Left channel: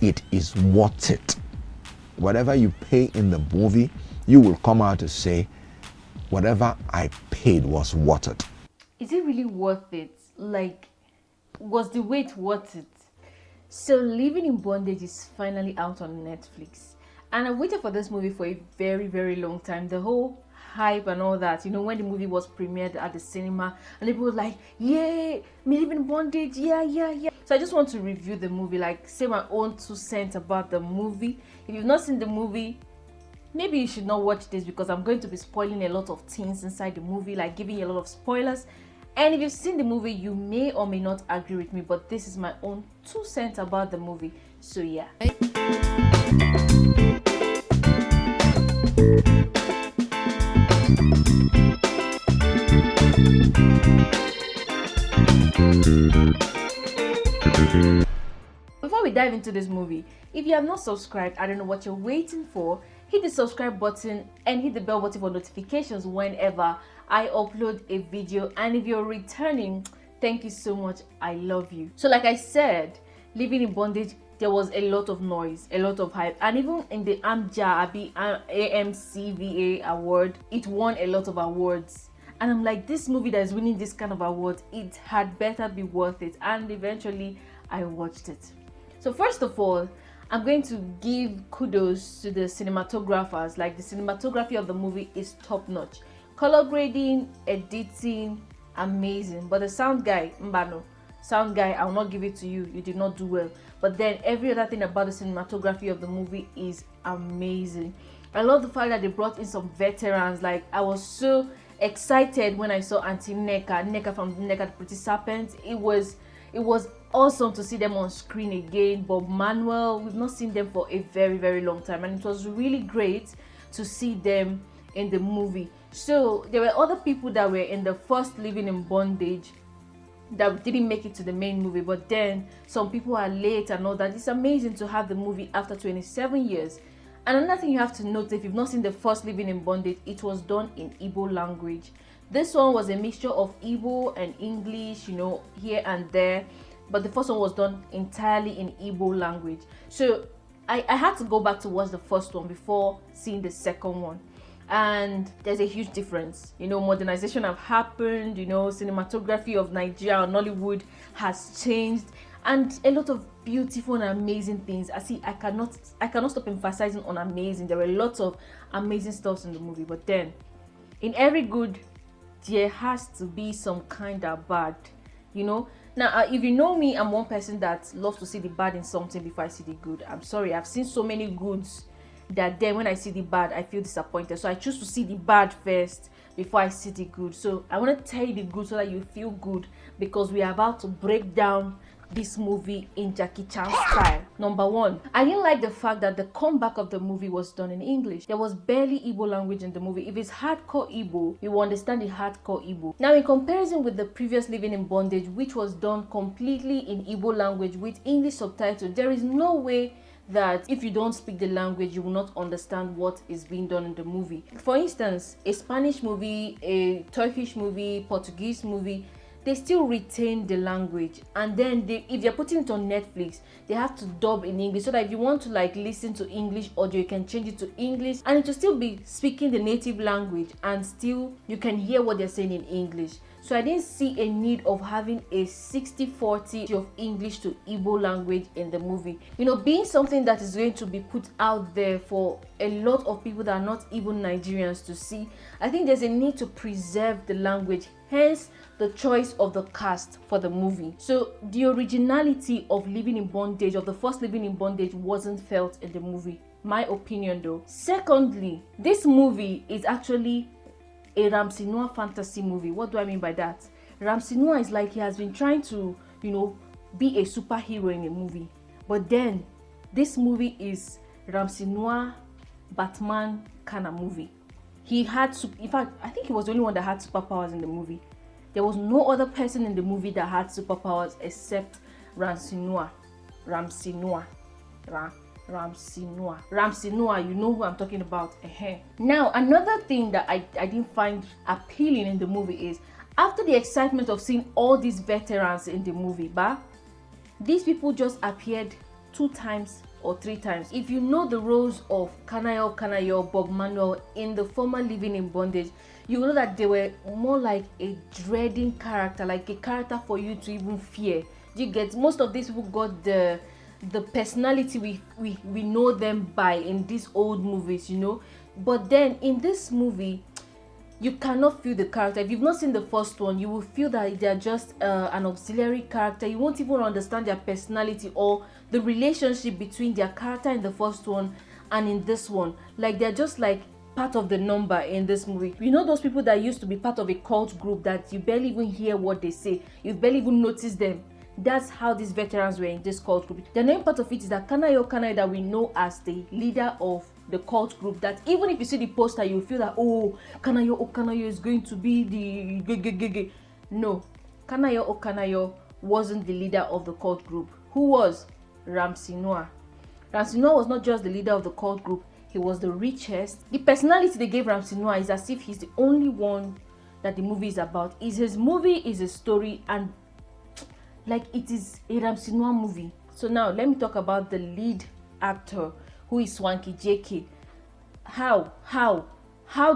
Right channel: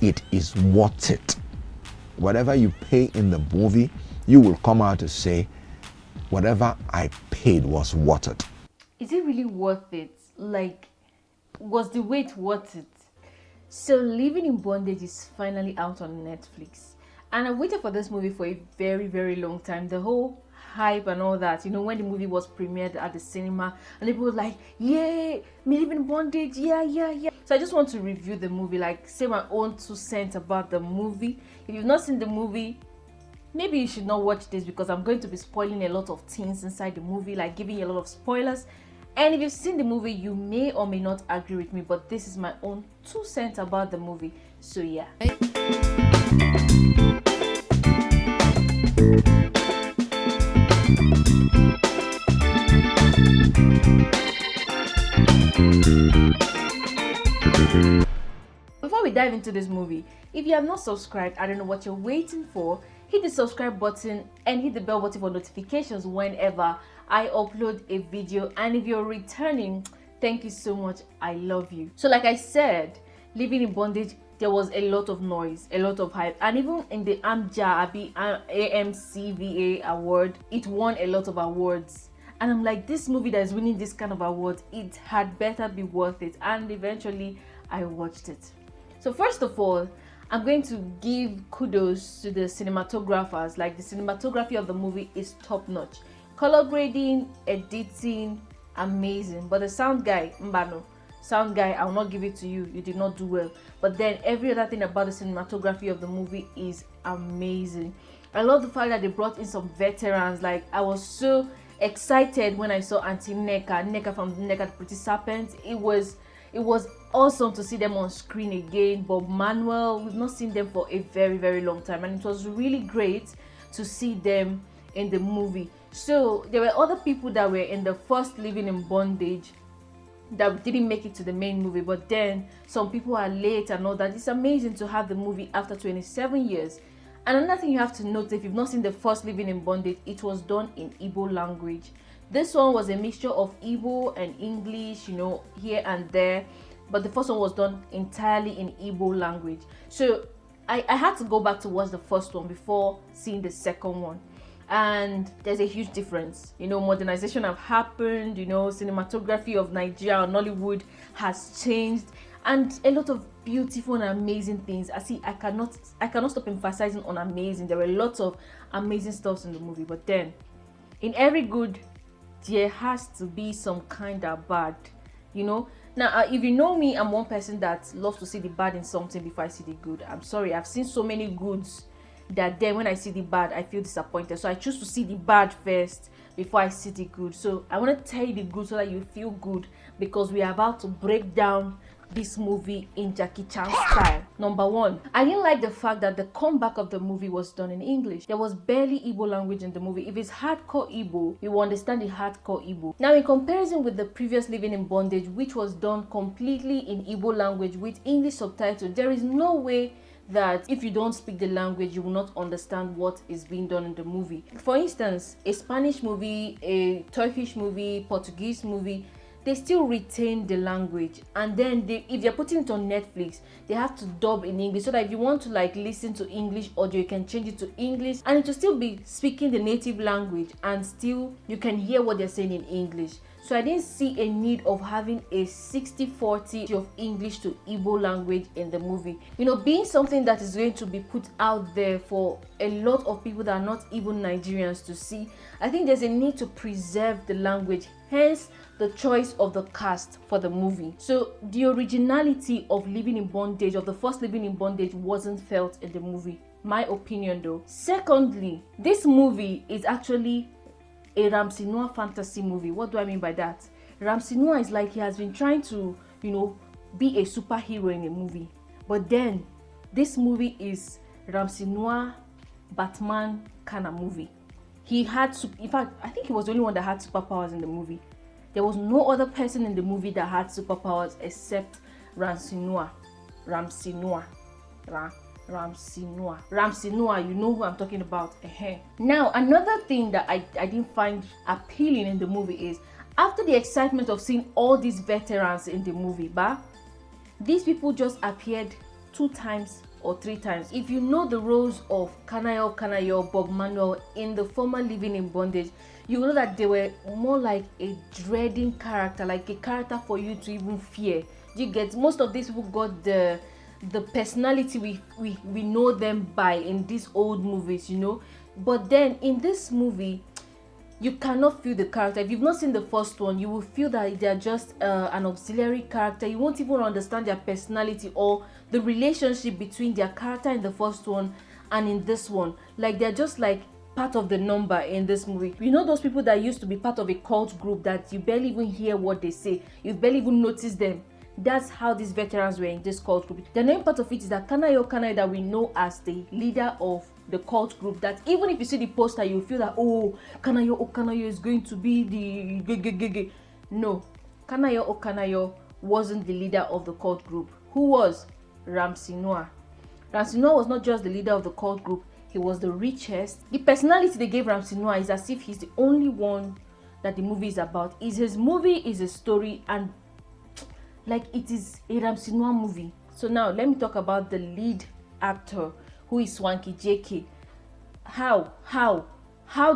it is worth it. Whatever you pay in the movie, you will come out to say, whatever I paid was worth it. Is it really worth it? Like, was the wait worth it? So, Living in Bondage is finally out on Netflix. And I waited for this movie for a very, very long time. The whole hype and all that, when the movie was premiered at the cinema, and people were like, "Yay, me Living in Bondage, yeah, yeah, yeah." So, I just want to review the movie, like, say my own 2 cents about the movie. If you've not seen the movie, maybe you should not watch this because I'm going to be spoiling a lot of things inside the movie, like giving you a lot of spoilers. And if you've seen the movie, you may or may not agree with me, but this is my own 2 cents about the movie. So yeah. Before we dive into this movie, if you have not subscribed, I don't know what you're waiting for. Hit the subscribe button and hit the bell button for notifications whenever I upload a video. And if you're returning, thank you so much. I love you. So like I said, Living in Bondage, there was a lot of noise, a lot of hype. And even in the AMCVA award, it won a lot of awards. And I'm like, this movie that's winning this kind of awards, it had better be worth it. And eventually, I watched it. So first of all, I'm going to give kudos to the cinematographers. Like, the cinematography of the movie is top notch. Color grading, editing, amazing. But the sound guy, I will not give it to you. You did not do well. But then every other thing about the cinematography of the movie is amazing. I love the fact that they brought in some veterans. Like, I was so excited when I saw Auntie Nneka from Nneka the Pretty Serpent. It was awesome to see them on screen again. Bob Manuel, we've not seen them for a very, very long time, and it was really great to see them in the movie. So there were other people that were in the first Living in Bondage that didn't make it to the main movie, but then some people are late and all that. It's amazing to have the movie after 27 years. And another thing you have to note, if you've not seen the first Living in Bondage, it was done in Igbo language. This one was a mixture of Igbo and English, here and there. But the first one was done entirely in Igbo language. So I had to go back to watch the first one before seeing the second one. And there's a huge difference. Modernization have happened, cinematography of Nigeria and Nollywood has changed. And a lot of beautiful and amazing things. I cannot stop emphasizing on amazing. There were lots of amazing stuff in the movie. But then, in every good, there has to be some kind of bad, Now, if you know me, I'm one person that loves to see the bad in something before I see the good. I'm sorry, I've seen so many goods that then when I see the bad, I feel disappointed. So I choose to see the bad first before I see the good. So I want to tell you the good so that you feel good, because we are about to break down this movie in Jackie Chan style. Number one, I didn't like the fact that the comeback of the movie was done in English. There was barely Igbo language in the movie. If it's hardcore Igbo, you will understand the hardcore Igbo. Now, in comparison with the previous Living in Bondage, which was done completely in Igbo language with English subtitles, there is no way that if you don't speak the language, you will not understand what is being done in the movie. For instance, a Spanish movie, a Turkish movie, Portuguese movie, they still retain the language, and then if they're putting it on Netflix, they have to dub in English, so that if you want to listen to English audio, you can change it to English and it will still be speaking the native language, and still you can hear what they're saying in English. So I didn't see a need of having a 60-40 of English to Igbo language in the movie. Being something that is going to be put out there for a lot of people that are not even Nigerians to see, I think there's a need to preserve the language, hence the choice of the cast for the movie. So the originality of Living in Bondage, of the first Living in Bondage, wasn't felt in the movie. My opinion though. Secondly, this movie is actually a Ramsey Noah fantasy movie. What do I mean by that? Ramsey Noah is like he has been trying to, be a superhero in a movie. But then, this movie is Ramsey Noah Batman kind of movie. He had, in fact, I think he was the only one that had superpowers in the movie. There was no other person in the movie that had superpowers except Ramsey Noah. Ramsey Noah, you know who I'm talking about. Now, another thing that I didn't find appealing in the movie is, after the excitement of seeing all these veterans in the movie, these people just appeared 2 times or 3 times. If you know the roles of Kanayo, Bob Manuel in the former Living in Bondage, you know that they were more like a dreading character, like a character for you to even fear. You get, most of these people got the personality we know them by in these old movies, but then in this movie you cannot feel the character. If you've not seen the first one, you will feel that they're just an auxiliary character. You won't even understand their personality or the relationship between their character in the first one and in this one. Like, they're just like part of the number in this movie. You know those people that used to be part of a cult group that you barely even hear what they say, you barely even notice them? That's how these veterans were in this cult group. The main part of it is that Kanayo that we know as the leader of the cult group, that even if you see the poster you feel that, oh, Kanayo is going to be the no, Kanayo wasn't the leader of the cult group. Who was? Ramsey Noah. Ramsey Noah was not just the leader of the cult group, he was the richest. The personality they gave Ramsey Noah is as if he's the only one that the movie is about. His movie is a story, and like, it is a Ramsey Noah movie. So now let me talk about the lead actor, who is Swanky JK. How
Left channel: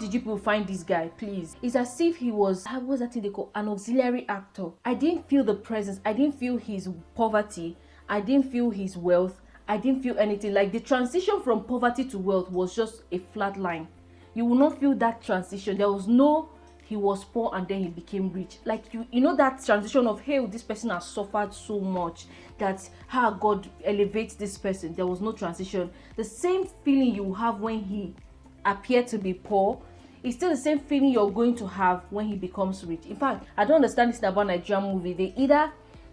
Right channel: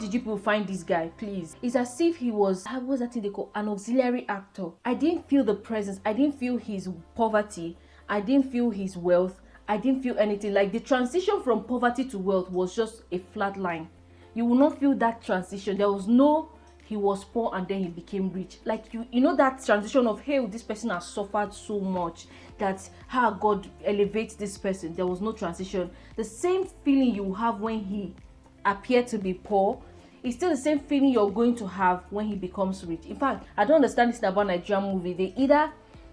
did you people find this guy, please? It's as if he was, how was that thing they call, an auxiliary actor. I didn't feel the presence, I didn't feel his poverty, I didn't feel his wealth, I didn't feel anything. Like, the transition from poverty to wealth was just a flat line. You will not feel that transition. There was no, he was poor and then he became rich. Like, you know that transition of, hey, this person has suffered so much, that's how God elevates this person. There was no transition. The same feeling you have when he appeared to be poor, it's still the same feeling you're going to have when he becomes rich. In fact, I don't understand this about Nigerian movie. They either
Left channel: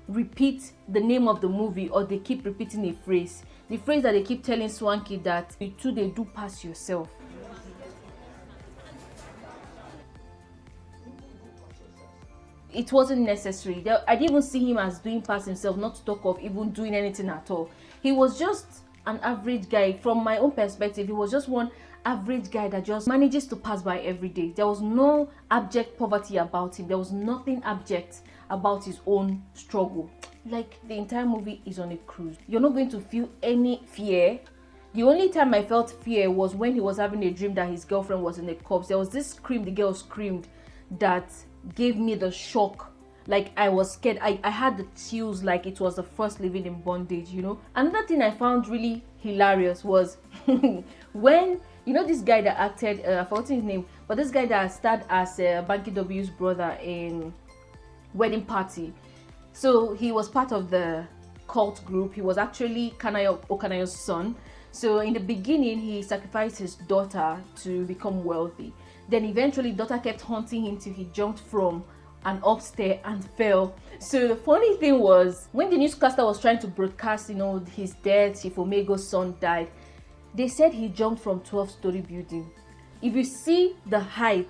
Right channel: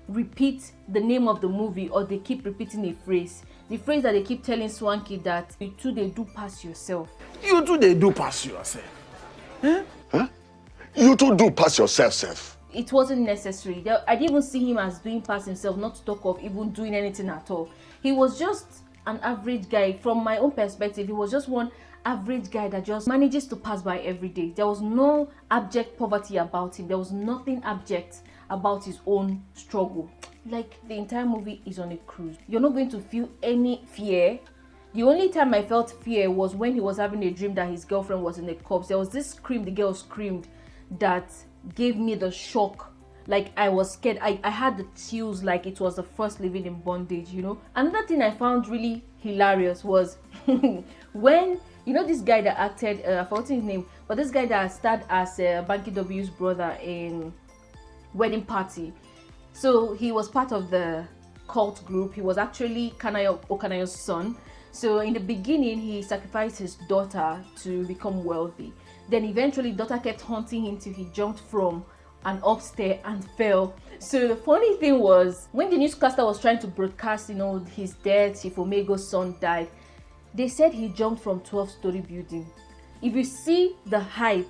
repeat the name of the movie or they keep repeating a phrase. The phrase that they keep telling Swanky, that you two they do pass yourself. You two they do pass yourself. Huh? You two do pass yourself, Seth. It wasn't necessary. I didn't even see him as doing pass himself, not to talk of even doing anything at all. He was just an average guy. From my own perspective, he was just one average guy that just manages to pass by every day. There was no abject poverty about him. There was nothing abject about his own struggle. Like, the entire movie is on a cruise. You're not going to feel any fear. The only time I felt fear was when he was having a dream that his girlfriend was in the corpse. There was this scream the girl screamed that gave me the shock. Like, I was scared. I had the chills, like it was the first Living in Bondage, Another thing I found really hilarious was when, this guy that acted, I forgot his name, but this guy that starred as Banky W's brother in Wedding Party. So he was part of the cult group. He was actually Kanayo's son. So in the beginning, he sacrificed his daughter to become wealthy. Then eventually, daughter kept haunting him till he jumped from an upstairs and fell. So the funny thing was, when the newscaster was trying to broadcast, his death, Chief Omego's son died, they said he jumped from 12-story building. If you see the height,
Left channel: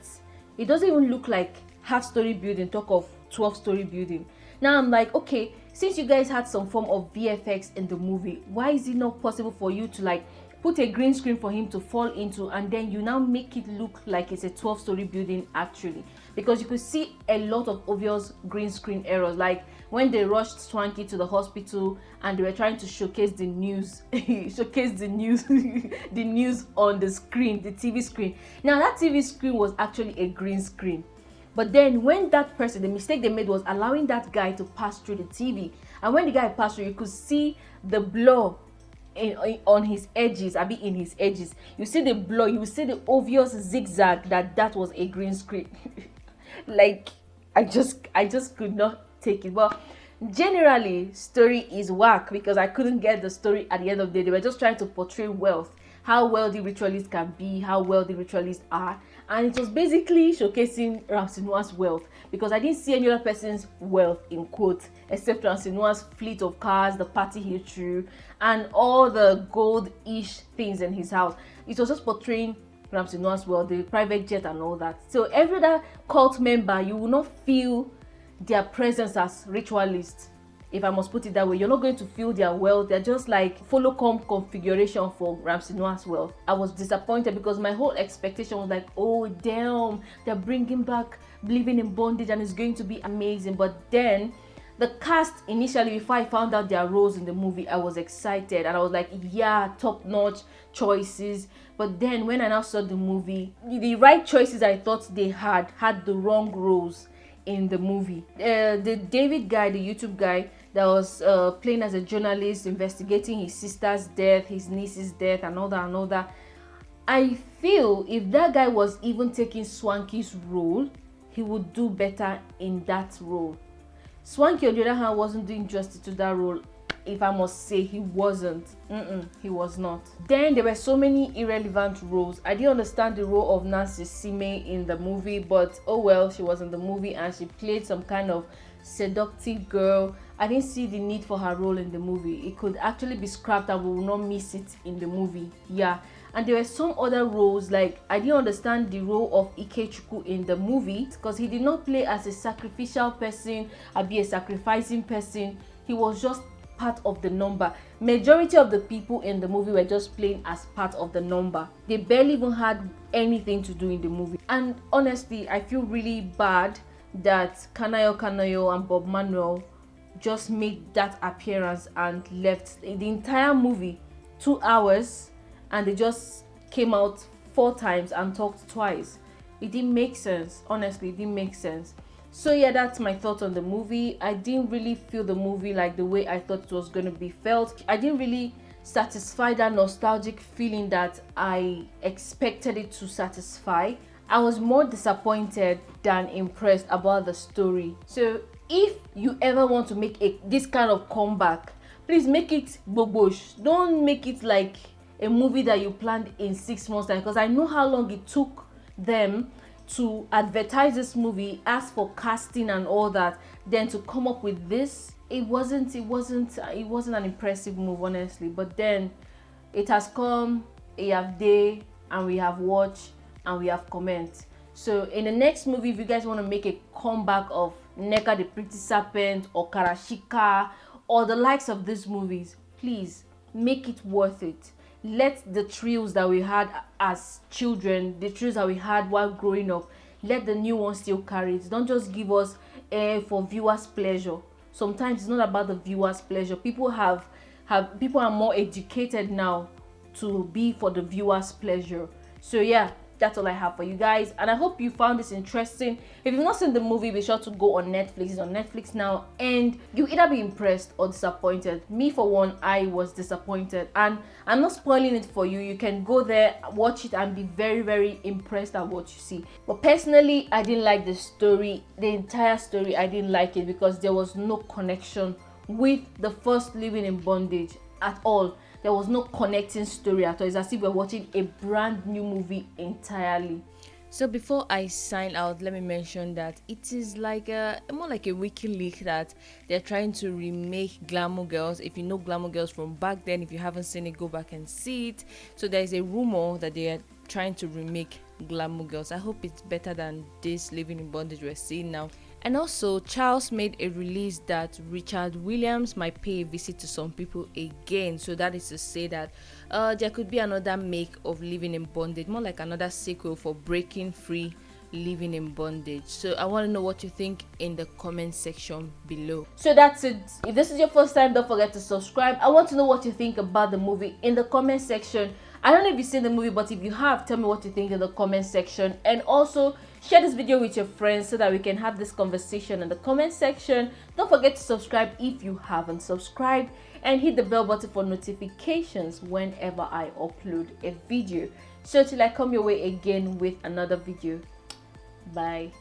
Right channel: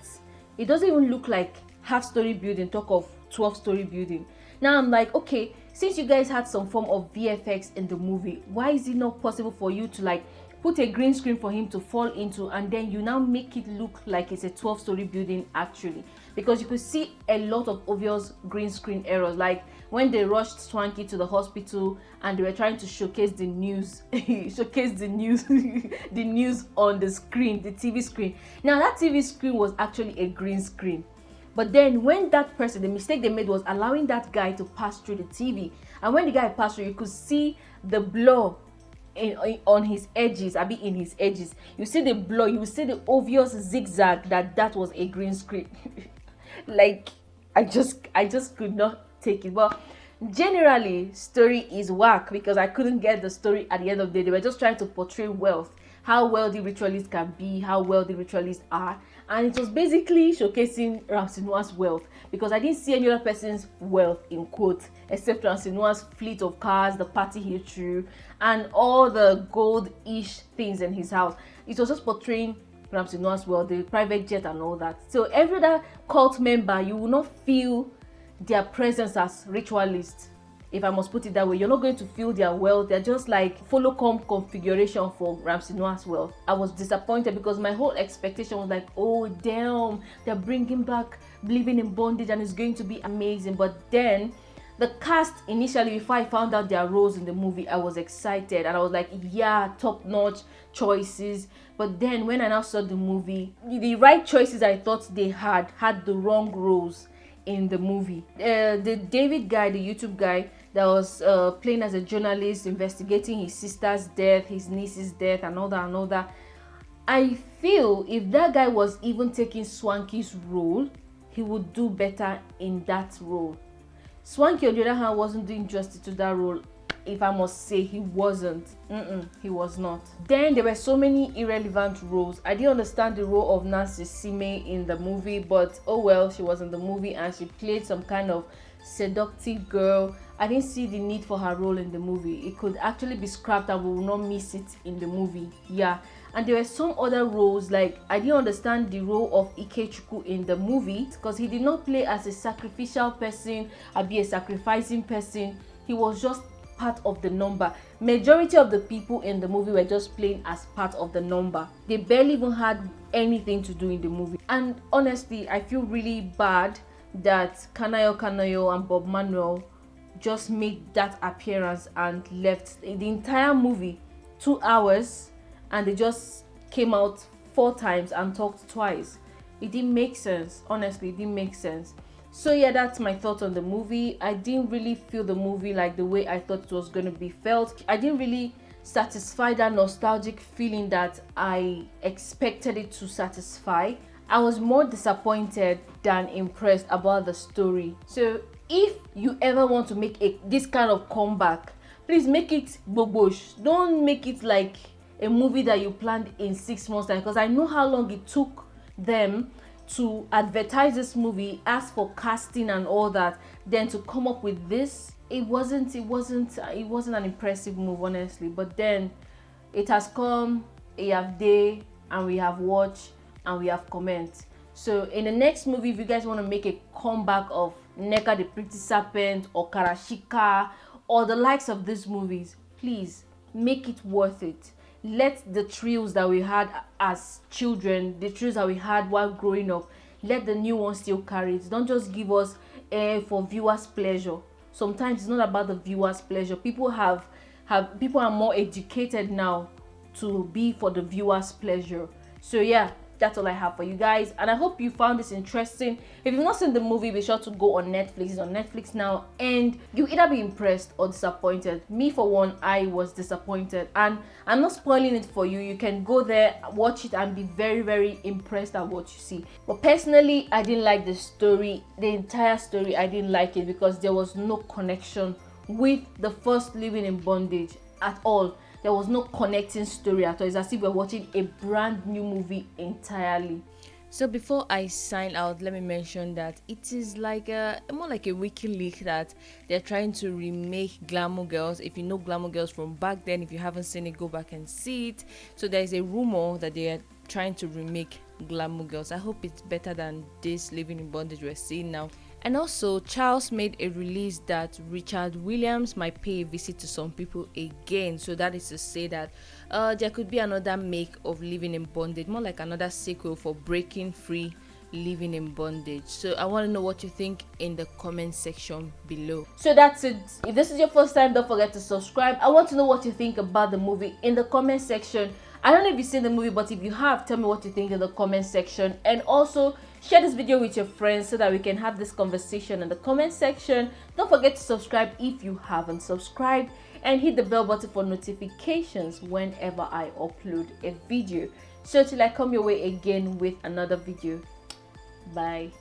it doesn't even look like half-story building, talk of 12-story building. Now I'm like, okay, since you guys had some form of VFX in the movie, why is it not possible for you to put a green screen for him to fall into, and then you now make it look like it's a 12-story building actually? Because you could see a lot of obvious green screen errors, like when they rushed Swanky to the hospital and they were trying to showcase the news the news on the screen, the TV screen. Now that TV screen was actually a green screen, but then when that person, the mistake they made was allowing that guy to pass through the TV, and when the guy passed through, you could see the blur on his edges. In his edges, you see the blur, you see the obvious zigzag that was a green screen. Like, I just could not take it. But generally, story is whack because I couldn't get the story at the end of the day. They were just trying to portray wealth, how wealthy ritualists can be, how wealthy ritualists are, and it was basically showcasing Ramsey Noah's wealth, because I didn't see any other person's wealth in quotes except Ramsey Noah's fleet of cars, the party he threw, and all the good-ish things in his house. It was just portraying Ramsey Noah's wealth, the private jet and all that. So every other cult member, you will not feel their presence as ritualists, if I must put it that way. You're not going to feel their wealth. They're just like follow-come configuration for Ramsey Noah's wealth. I was disappointed because my whole expectation was like, oh damn, they're bringing back Living in Bondage and it's going to be amazing. But then The cast initially, before I found out their roles in the movie, I was excited and I was like, yeah, top notch choices. But then when I now saw the movie, the right choices I thought they had the wrong roles in the movie. The David guy, the YouTube guy that was playing as a journalist investigating his sister's death, his niece's death, and all that. I feel if that guy was even taking Swanky's role, he would do better in that role. Swanky, on the other hand, wasn't doing justice to that role. If I must say, he wasn't. He was not. Then there were so many irrelevant roles. I didn't understand the role of Nancy Sime in the movie, but oh well, she was in the movie and she played some kind of seductive girl. I didn't see the need for her role in the movie. It could actually be scrapped and we will not miss it in the movie. Yeah. And there were some other roles, like I didn't understand the role of Ikechukwu in the movie because he did not play as a sacrificial person or be a sacrificing person. He was just part of the number. Majority of the people in the movie were just playing as part of the number. They barely even had anything to do in the movie. And honestly, I feel really bad that Kanayo and Bob Manuel just made that appearance and left. In the entire movie, 2 hours, and they just came out 4 times and talked twice. It didn't make sense. Honestly, it didn't make sense. So yeah, that's my thoughts on the movie. I didn't really feel the movie like the way I thought it was going to be felt. I didn't really satisfy that nostalgic feeling that I expected it to satisfy. I was more disappointed than impressed about the story. So if you ever want to make this kind of comeback, please make it bobosh. Don't make it like a movie that you planned in 6 months time, because I know how long it took them to advertise this movie, ask for casting and all that, then to come up with this. It wasn't an impressive move, honestly. But then it has come, a have day, and we have watched and we have comment. So in the next movie, if you guys want to make a comeback of Neka the Pretty Serpent or Karashika or the likes of these movies, please make it worth it. Let the thrills that we had as children, the thrills that we had while growing up, let the new ones still carry it. Don't just give us for viewers' pleasure. Sometimes it's not about the viewers' pleasure. People are more educated now to be for the viewers' pleasure. So yeah, that's all I have for you guys, and I hope you found this interesting. If you've not seen the movie, be sure to go on Netflix. It's on Netflix now, and you either be impressed or disappointed. Me, for one, I was disappointed, and I'm not spoiling it for you. You can go there, watch it, and be very, very impressed at what you see. But personally, I didn't like the story. The entire story, I didn't like it because there was no connection with the first Living in Bondage at all. There was no connecting story at all. It's as if we're watching a brand new movie entirely. So before I sign out, let me mention that it is like more like a wiki leak that they're trying to remake Glamour Girls. If you know Glamour Girls from back then, if you haven't seen it, go back and see it. So there is a rumor that they are trying to remake Glamour Girls. I hope it's better than this Living in Bondage we're seeing now. And also, Charles made a release that Richard Williams might pay a visit to some people again. So that is to say that there could be another make of Living in Bondage, more like another sequel for Breaking Free Living in Bondage. So I want to know what you think in the comment section below. So that's it. If this is your first time, don't forget to subscribe. I want to know what you think about the movie in the comment section. I don't know if you've seen the movie, but if you have, tell me what you think in the comment section. And also, share this video with your friends so that we can have this conversation in the comment section. Don't forget to subscribe if you haven't subscribed, and hit the bell button for notifications whenever I upload a video. So till I come your way again with another video. Bye.